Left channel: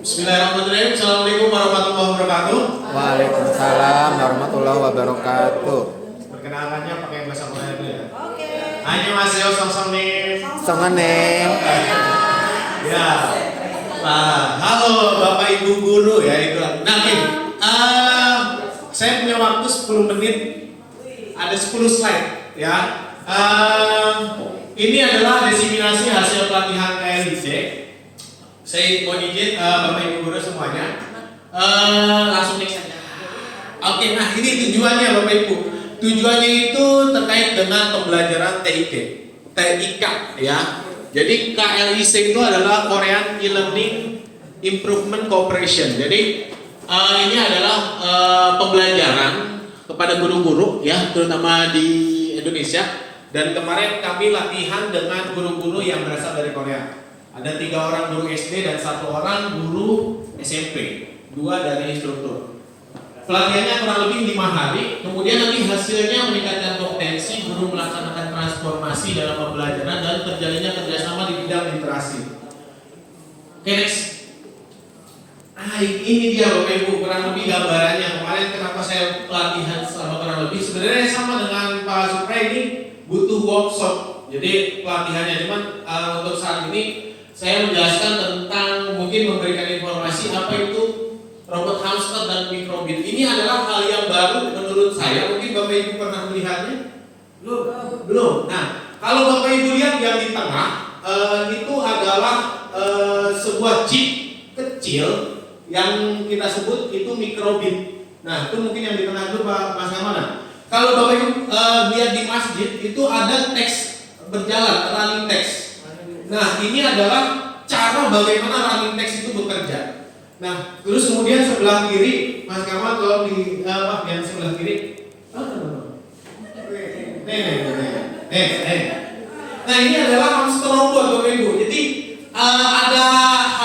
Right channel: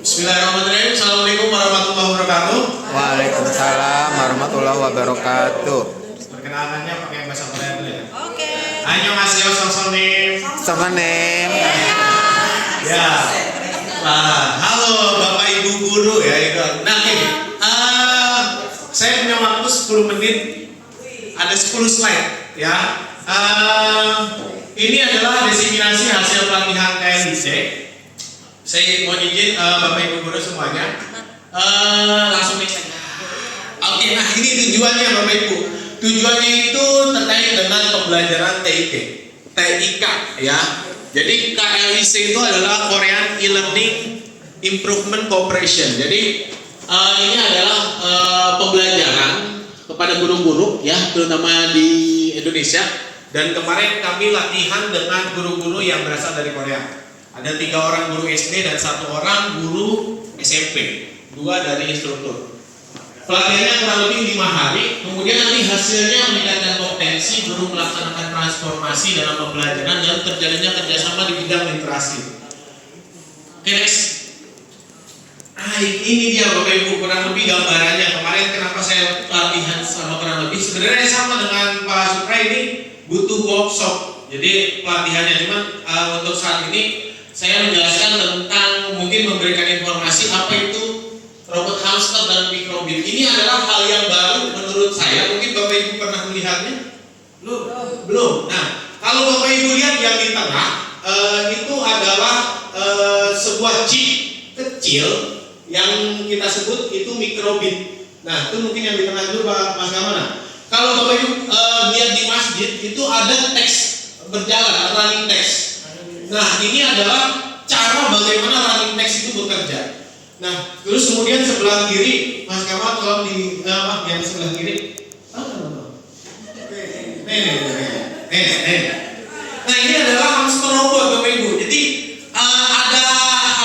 Bismillahirrahmanirrahim. Assalamualaikum warahmatullahi wabarakatuh. Waalaikumsalam warahmatullahi wabarakatuh. Perkenalannya pakai bahasa Korea dulu ya. Oke. Annyeonghaseyo, Songsonim. Semenem. Ya. Halo Bapak Ibu guru ya itu. Nah, saya punya waktu 10 menit. Ada 10 slide ya. Ini adalah diseminasi hasil pelatihan KLIC. Saya mau izin Bapak Ibu guru semuanya langsung next aja. Oke, nah ini tujuannya Bapak Ibu. Tujuannya itu terkait dengan pembelajaran TIK ya. Jadi KLIC itu adalah Korean E-Learning Improvement Cooperation. Jadi ini adalah pembelajaran kepada guru-guru ya, terutama di Indonesia. Dan kemarin kami latihan dengan guru-guru yang berasal dari Korea. Ada 3 orang guru SD dan 1 orang guru SMP, 2 dari instruktur. Pelatihannya kurang lebih 5 hari. Kemudian nanti hasilnya meningkatkan kompetensi guru melaksanakan transformasi dalam pembelajaran dan terjalinnya kerjasama di bidang literasi. Oke, next. Ini dia Bapak Ibu kurang lebih gambarannya. Kemarin kenapa saya pelatihan sama kurang lebih sebenarnya sama dengan Pak Supra, ini butuh workshop. Jadi pelatihannya cuman untuk saat ini saya menjelaskan tentang mungkin memberikan informasi apa itu robot hamster dan mikrobit. Ini adalah hal yang baru menurut saya. Mungkin Bapak Ibu pernah melihatnya? Belum. Nah, kalau Bapak Ibu lihat yang di tengah itu adalah sebuah chip kecil yang kita sebut itu mikrobit. Nah, itu mungkin yang di tengah itu Mas Kamana. Kalau Bapak Ibu lihat di masjid itu ada teks berjalan, running text. Nah, ini adalah cara bagaimana running text itu bekerja. Nah, terus kemudian sebelah kiri, Mas Kamal tolong di yang sebelah kiri. Nah, ini adalah hamster robot Bapak Ibu. Jadi ada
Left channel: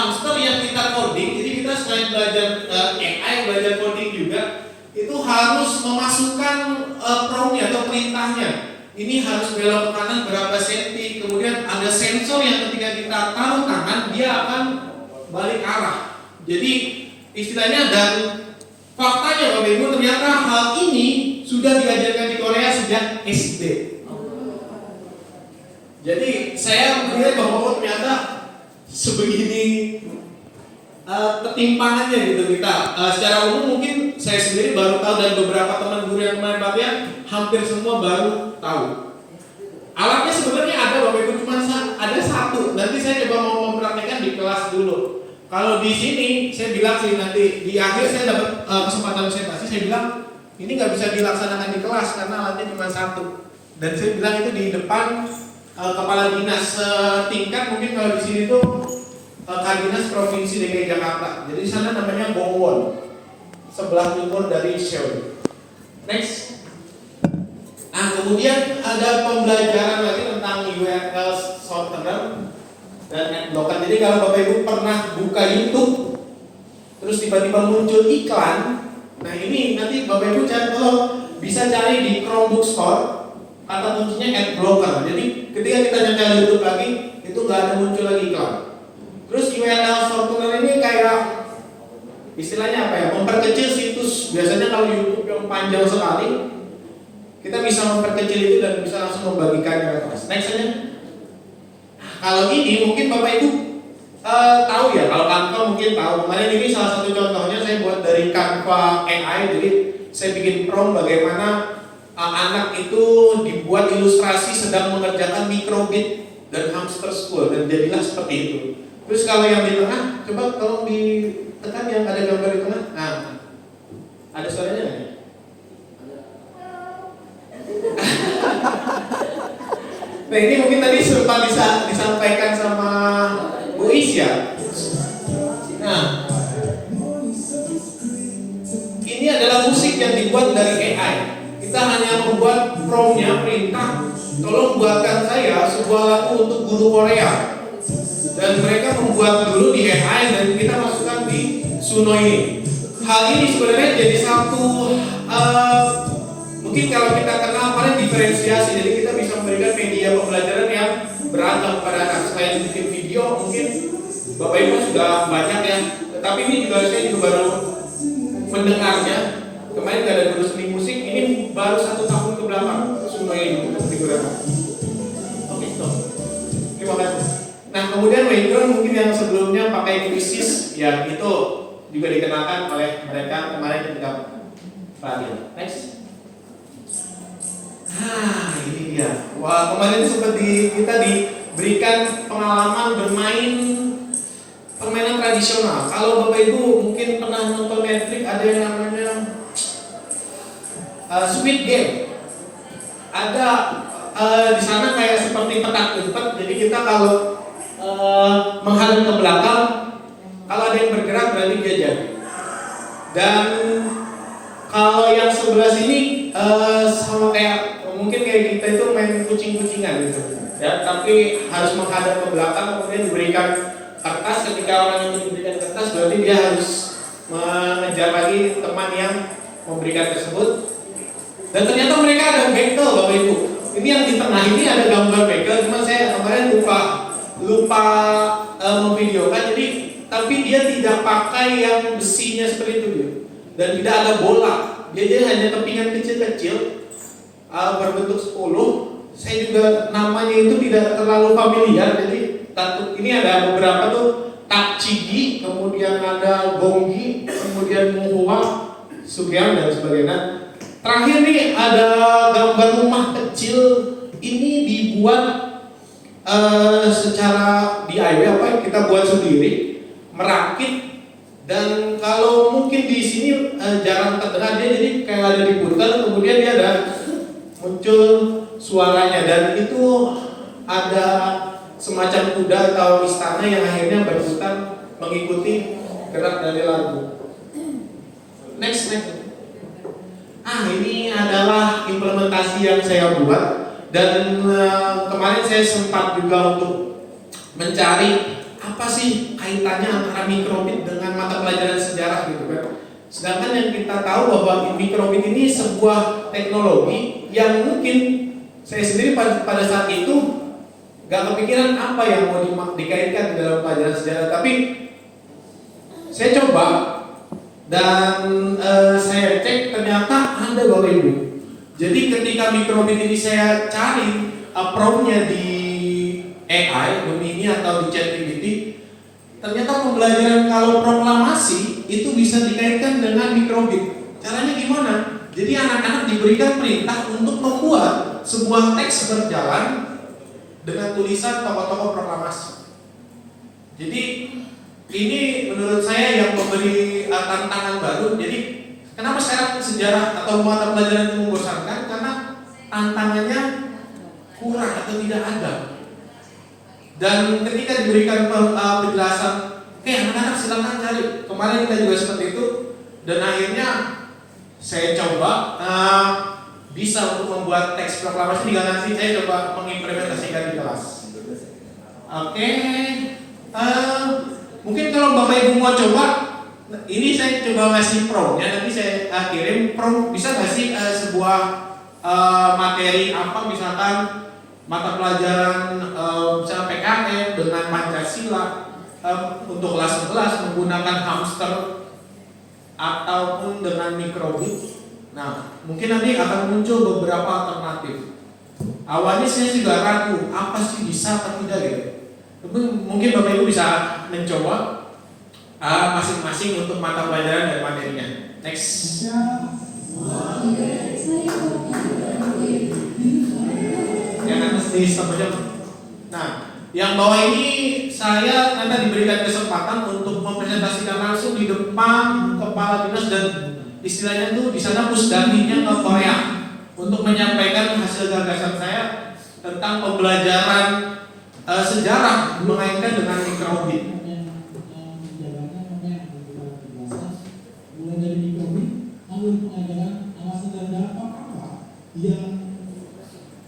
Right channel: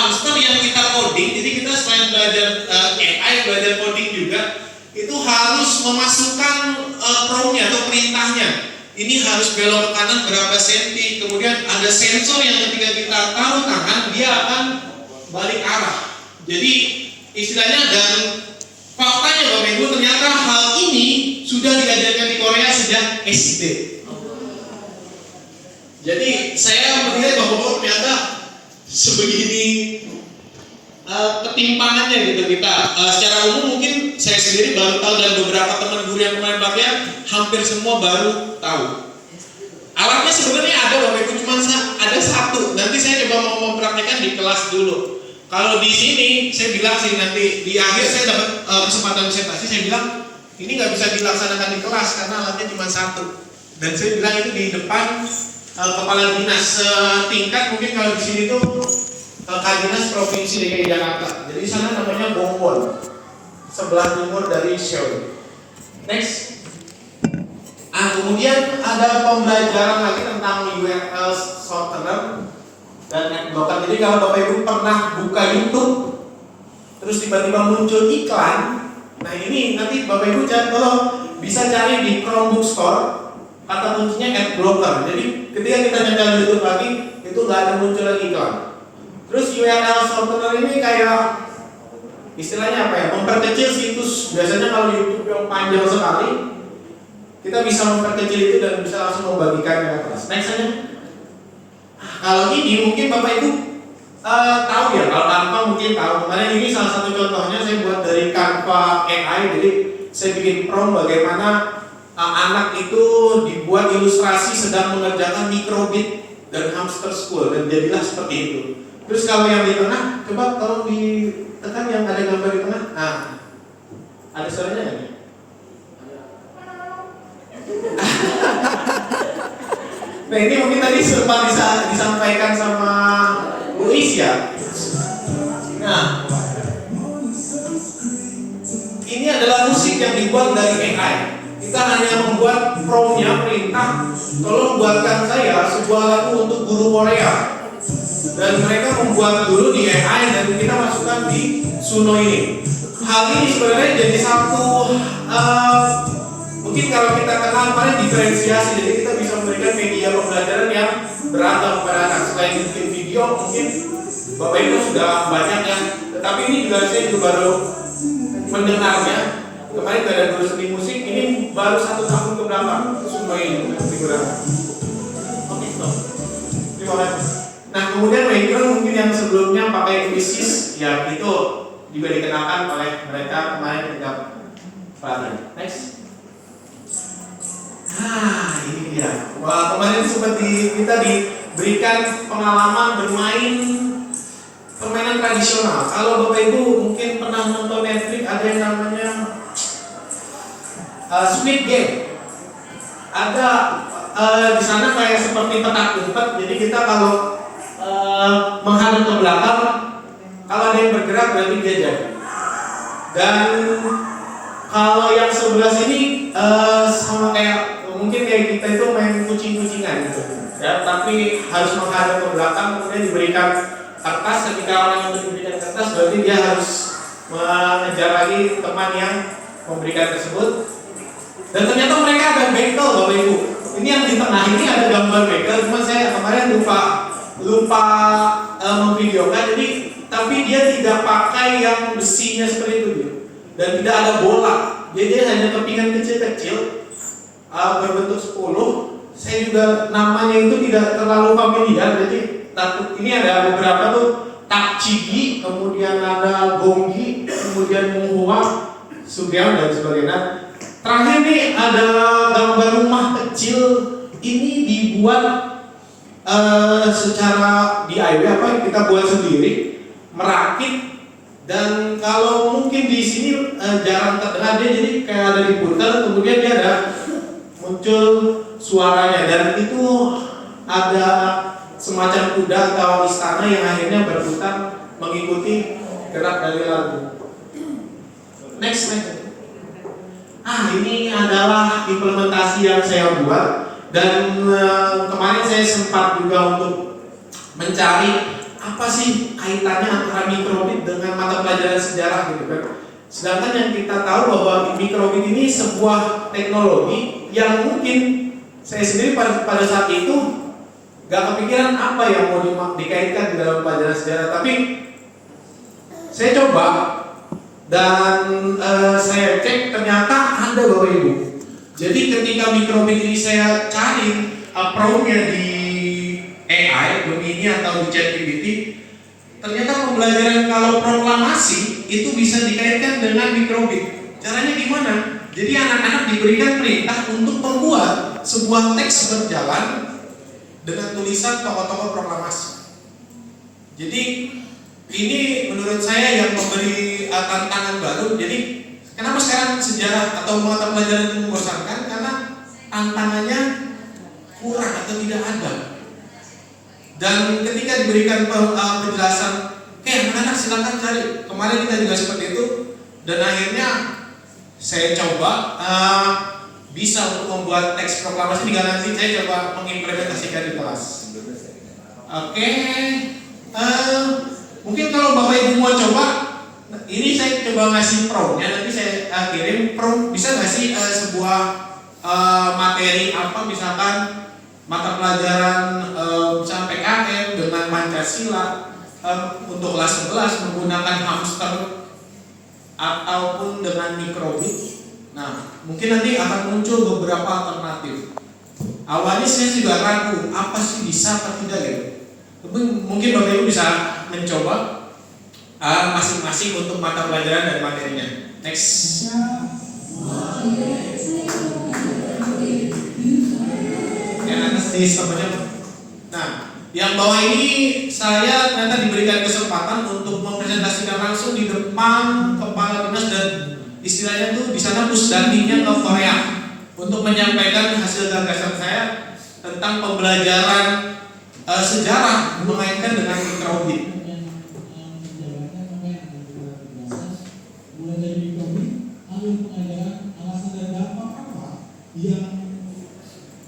hamster yang kita coding. Jadi kita selain belajar AI, belajar coding juga, itu harus memasukkan prompt-nya atau perintahnya. Ini harus belok ke kanan berapa senti. Kemudian ada sensor yang ketika kita taruh tangan dia akan balik arah. Jadi istilahnya, dan faktanya Bapak Ibu ternyata hal ini sudah diajarkan di Korea sejak SD. Jadi saya melihat bahwa ternyata sebegini ketimpangannya gitu kita. Secara umum mungkin saya sendiri baru tahu dan beberapa teman guru yang kemarin pelatihan hampir semua baru tahu. Alatnya sebenarnya ada Bapak Ibu, cuma ada 1. Nanti saya coba mau mempraktekkan di kelas dulu. Kalau di sini saya bilang sih nanti di akhir saya dapat kesempatan presentasi, saya bilang ini nggak bisa dilaksanakan di kelas karena alatnya cuma 1. Dan saya bilang itu di depan kepala dinas setingkat, mungkin kalau di sini tuh Dinas Provinsi DKI Jakarta. Jadi di sana namanya Bongwon, sebelah timur dari Seoul. Next. Kemudian ada pembelajaran lagi tentang URL shortener dan adblocker. Jadi kalau Bapak Ibu pernah buka YouTube, terus tiba-tiba muncul iklan, nah ini nanti Bapak Ibu bisa cari di Chromebook Store, kata kuncinya adblocker. Jadi ketika kita nyetel YouTube lagi, itu nggak ada muncul lagi iklan. Terus URL shortener ini kayak istilahnya apa ya? Memperkecil situs. Biasanya kalau YouTube yang panjang sekali, kita bisa memperkecil itu dan bisa langsung membagikannya ke kelas. Next aja. Kalau ini mungkin Bapak Ibu tahu ya, kalau Canva mungkin tahu. Kemarin ini salah satu contohnya saya buat dari Canva AI. Jadi saya bikin prompt bagaimana anak itu dibuat ilustrasi sedang mengerjakan mikrobit dan hamster school, dan jadilah seperti itu. Terus kalau yang di tengah, coba tolong ditekan yang ada gambar di tengah. Nah, ada suaranya nggak? Nah, ini mungkin tadi sempat disampaikan sama Bu Isya. Nah, ini adalah musik yang dibuat dari AI. Kita hanya membuat prompt-nya, perintah, tolong buatkan saya sebuah lagu untuk guru Korea. Dan mereka membuat dulu di AI dan kita masukkan di Suno ini. Hal ini sebenarnya jadi satu mungkin kalau kita kenal kemarin diferensiasi. Jadi kita bisa memberikan media pembelajaran yang beragam pada anak. Selain bikin video, mungkin Bapak Ibu sudah banyak ya, tapi ini juga saya juga baru mendengarnya. Kemarin gak ada guru seni musik, ini baru 1 tahun ke belakang semua ini digunakan. Oke, terima kasih. Nah, kemudian background mungkin yang sebelumnya pakai krisis, ya itu juga dikenakan oleh mereka kemarin ketika pelatihan. Next. Ini dia. Wah, kemarin seperti kita diberikan pengalaman bermain permainan tradisional. Kalau Bapak Ibu mungkin pernah nonton Netflix, ada yang namanya Squid Game. Ada di sana kayak seperti petak umpet. Jadi kita kalau menghadap ke belakang, kalau ada yang bergerak berarti dia jadi. Dan kalau yang sebelah sini sama kayak mungkin kayak kita itu main kucing-kucingan gitu. Ya, tapi harus menghadap ke belakang, kemudian diberikan kertas. Ketika orang yang diberikan kertas berarti dia harus mengejar lagi teman yang memberikan tersebut. Dan ternyata mereka ada bekel, Bapak Ibu. Ini yang di tengah ini ada gambar bekel, cuma saya kemarin lupa memvideokan. Jadi tapi dia tidak pakai yang besinya seperti itu dia. Dan tidak ada bola. Dia hanya kepingan kecil-kecil berbentuk 10. Saya juga namanya itu tidak terlalu familiar. Jadi ini ada beberapa tuh takcigi, kemudian ada gonggi, kemudian muhua, subyang dan sebagainya. Terakhir nih ada gambar rumah kecil. Ini dibuat secara DIY, kita buat sendiri, merakit. Dan kalau mungkin di sini jarang terdengar dia, jadi kayak ada diputar, kemudian dia ada muncul suaranya, dan itu ada semacam kuda atau istana yang akhirnya berputar mengikuti gerak dari lagu. Next. Ini adalah implementasi yang saya buat, dan kemarin saya sempat juga untuk mencari apa sih kaitannya antara mikrobit dengan mata pelajaran sejarah gitu kan. Sedangkan yang kita tahu bahwa mikrobit ini sebuah teknologi yang mungkin saya sendiri pada saat itu gak kepikiran apa yang mau dikaitkan di dalam pelajaran sejarah, tapi saya coba dan saya cek ternyata ada, Bapak Ibu. Jadi ketika mikrobit ini saya cari prompt-nya di AI, Gemini atau di ChatGPT, ternyata pembelajaran kalau proklamasi itu bisa dikaitkan dengan mikrobit. Caranya gimana? Jadi anak-anak diberikan perintah untuk membuat sebuah teks berjalan dengan tulisan tokoh-tokoh proklamasi. Jadi ini menurut saya yang memberi tantangan baru. Jadi kenapa sekarang sejarah atau mata pelajaran itu membosankan? Karena tantangannya kurang atau tidak ada. Dan ketika diberikan penjelasan, anak-anak silakan cari. Kemarin kita juga seperti itu. Dan akhirnya saya coba bisa untuk membuat teks proklamasi. Jika nanti saya coba mengimplementasikan di kelas. Oke. Mungkin kalau Bapak Ibu mau coba, ini saya coba ngasih prompt-nya. Nanti saya kirim prompt. Bisa nggak sih sebuah materi apa, misalkan mata pelajaran misalnya PKM dengan Pancasila untuk kelas 11 menggunakan hamster ataupun dengan mikrobit. Nah, mungkin nanti akan muncul beberapa alternatif. Awalnya saya juga ragu, apa sih bisa apa tidak gitu. Tapi mungkin Bapak Ibu bisa mencoba masing-masing untuk mata pelajaran dan materinya. Next. Yang atas di sebelah. Nah, yang bawah ini saya nanti diberikan kesempatan untuk mempresentasikan langsung di depan kepala dinas, dan istilahnya tuh di sana pusdatinya ke Korea untuk menyampaikan hasil gagasan saya tentang pembelajaran sejarah mengaitkan dengan mikrobit. Mulai dari mikrobit, lalu pengajaran alasan dan dampak apa yang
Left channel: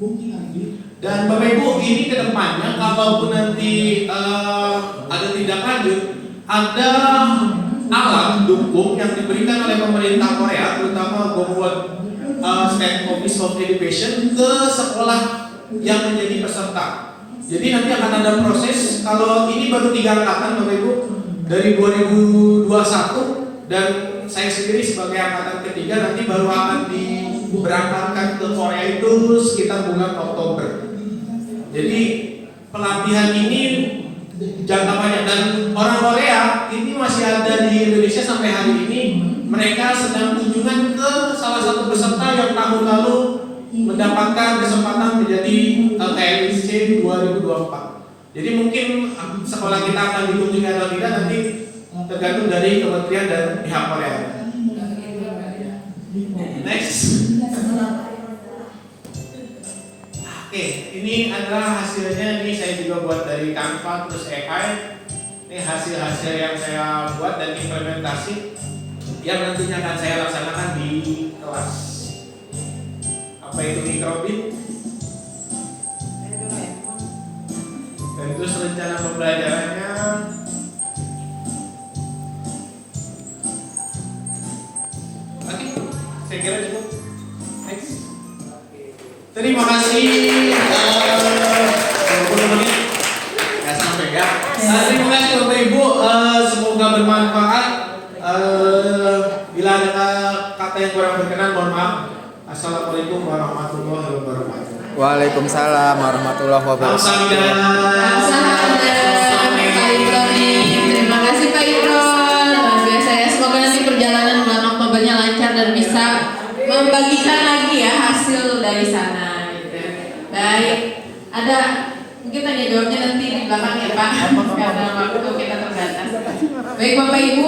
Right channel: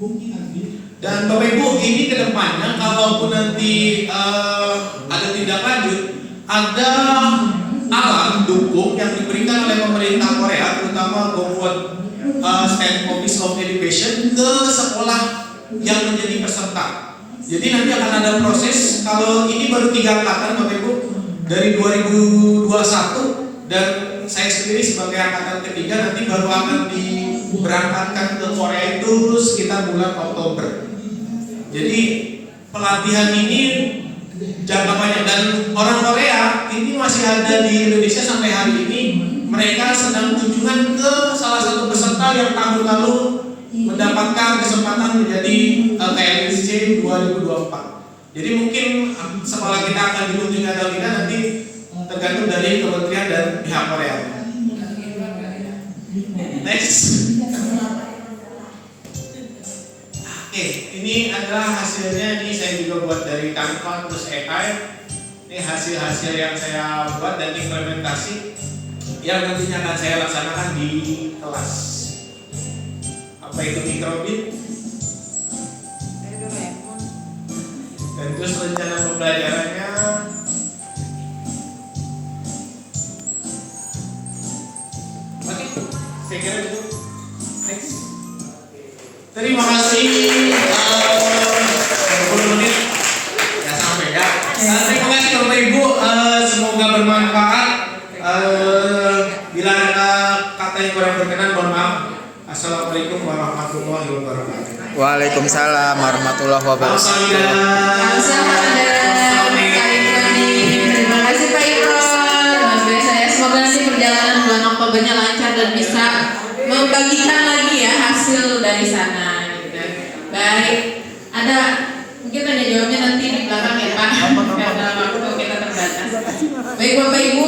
mungkin nanti. Dan Bapak Ibu, ini kedepannya kalaupun nanti ada tindak lanjut, ada alat dukung yang diberikan oleh pemerintah Korea, terutama Gongwon State Office of Education, ke sekolah yang menjadi peserta. Jadi nanti akan ada proses. Kalau ini baru 3 angkatan Bapak Ibu dari 2021 dan saya sendiri sebagai angkatan ketiga nanti baru akan diberangkatkan ke Korea itu sekitar bulan Oktober. Jadi pelatihan ini jangka panjang dan orang Korea ini masih ada di Indonesia sampai hari ini. Mereka sedang kunjungan ke salah satu peserta yang tahun lalu mendapatkan kesempatan menjadi KLIC 2024. Jadi mungkin sekolah kita akan dikunjungi atau tidak nanti tergantung dari kementerian dan pihak Korea. Next. Oke, ini adalah hasilnya. Ini saya juga buat dari Canva terus AI. Ini hasil-hasil yang saya buat dan implementasi yang nantinya akan saya laksanakan di kelas. Apa itu mikrobit? Dan terus rencana pembelajarannya. Oke, saya kira cukup. Next. Terima kasih. 20 menit. Ya sampai ya. Terima kasih Bapak Ibu. Semoga bermanfaat. Bila ada kata yang kurang berkenan, mohon maaf. Assalamualaikum warahmatullahi wabarakatuh. Waalaikumsalam warahmatullahi wabarakatuh. Terima kasih Pak Imron. Luar biasa ya. Semoga nanti perjalanan bulan Oktobernya lancar dan bisa membagikan lagi ya hasil dari sana. Gitu. Baik. Ada mungkin tanya jawabnya nanti di belakang ya Pak. Karena waktu kita terbatas. Baik Bapak Ibu.